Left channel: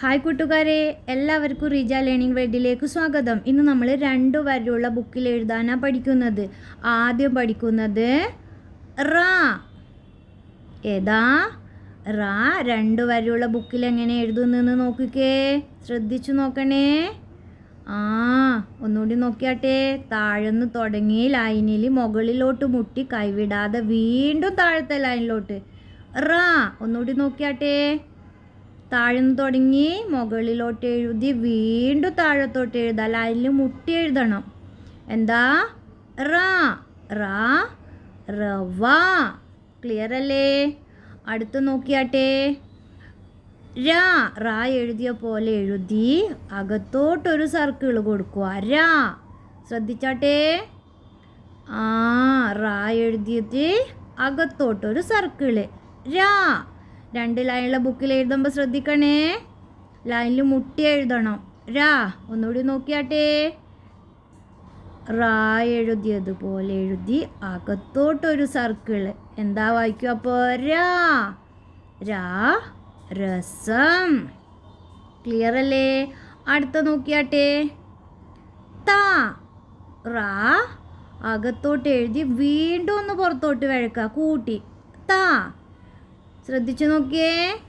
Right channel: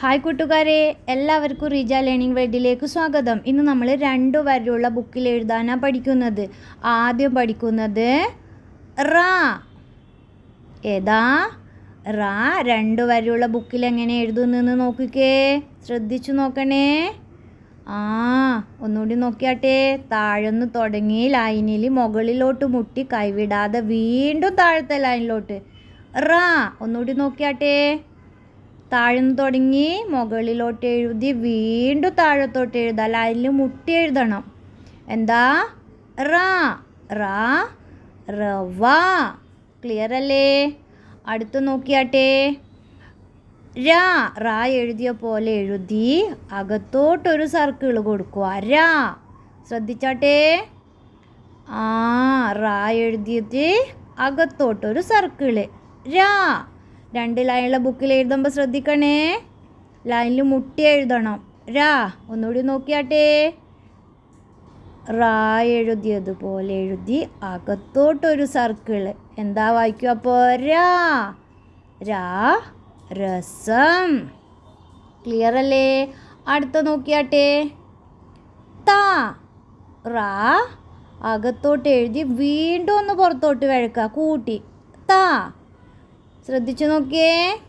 Hi കൂട്ടുകാരെ. എല്ലാവർക്കും Reeja learning വേൾഡിലേക്ക് സ്വാഗതം. ഇന്ന് നമ്മൾ രണ്ട് വരെയുള്ള ബുക്കിൽ എഴുതാനാണ് പഠിക്കുന്നത്. ആദ്യം പഠിക്കുന്നത് റാ. ഏതാ? റാ. രണ്ട് വരെയുള്ള ബുക്കിൽ എങ്ങനെ എഴുതുന്നെന്ന് നോക്കിക്കേ. ശ്രദ്ധിച്ചു നോക്കണേ. ആ ഒന്നുകൂടി നോക്കിയാട്ടെ. താഴെന്ന് തുടങ്ങി ലൈനിൽ മുകളിലോട്ട് മുട്ടി കൈവിടാതെ വീണ്ടും താഴത്തെ ലൈനിലോട്ട്. റാ ഒന്നുകൂടി നോക്കിയാട്ടെ. താഴ്ന്നു തുടങ്ങി മുകളിലോട്ട് എഴുതി വീണ്ടും താഴത്തോട്ട് എഴുതാം അതിൽ മുട്ടി എഴുതണം. എന്താ? റാ. റാ. റവ ക്ലിയർ അല്ലേ? അടുത്ത് നോക്കിയാട്ടെ. രാ. റാ എഴുതിയ പോലെ എഴുതി അകത്തോട്ടൊരു സർക്കിൾ കൊടുക്കുക. രാ. ശ്രദ്ധിച്ചാട്ടെ? ആ റാ എഴുതിയിട്ട് അകത്തോട്ടൊരു സർക്കിൾ രാ. രണ്ട് ലൈനുള്ള ബുക്കിൽ എഴുതുമ്പോൾ ശ്രദ്ധിക്കണേ. ലൈനിൽ മുട്ടി എഴുതണം. രാ ഒന്നുകൂടി നോക്കിയാട്ടെ. റാ എഴുതിയതുപോലെ എഴുതി അകത്തോട്ടൊരു സർക്കിൾ എന്താ വായിക്കും അപ്പോൾ രാ. രാ രസം. ക്ലിയർ അല്ലേ? അടുത്ത നോക്കിയാട്ടെ. താ. റാ അകത്തോട്ട് എഴുതി വീണ്ടും ഒന്ന് പുറത്തോട്ട് വഴക്കുക. കൂട്ടി. താ. ശ്രദ്ധിച്ചു നോക്കിയേ.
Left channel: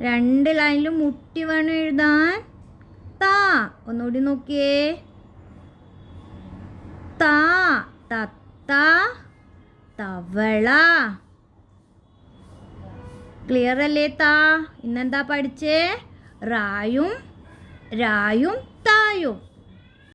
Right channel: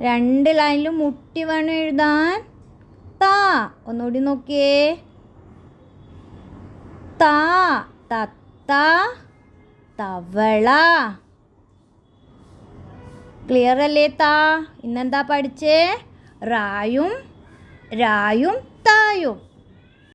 രണ്ട് ലൈനിലും മുട്ടി വേണം എഴുതാൻ. താ ഒന്നുകൂടി നോക്കിയേ. താ തത്ത തവള. ക്ലിയർ അല്ലേ താ? ഇന്നെന്താ പഠിച്ചേ? റായും രായും തായും.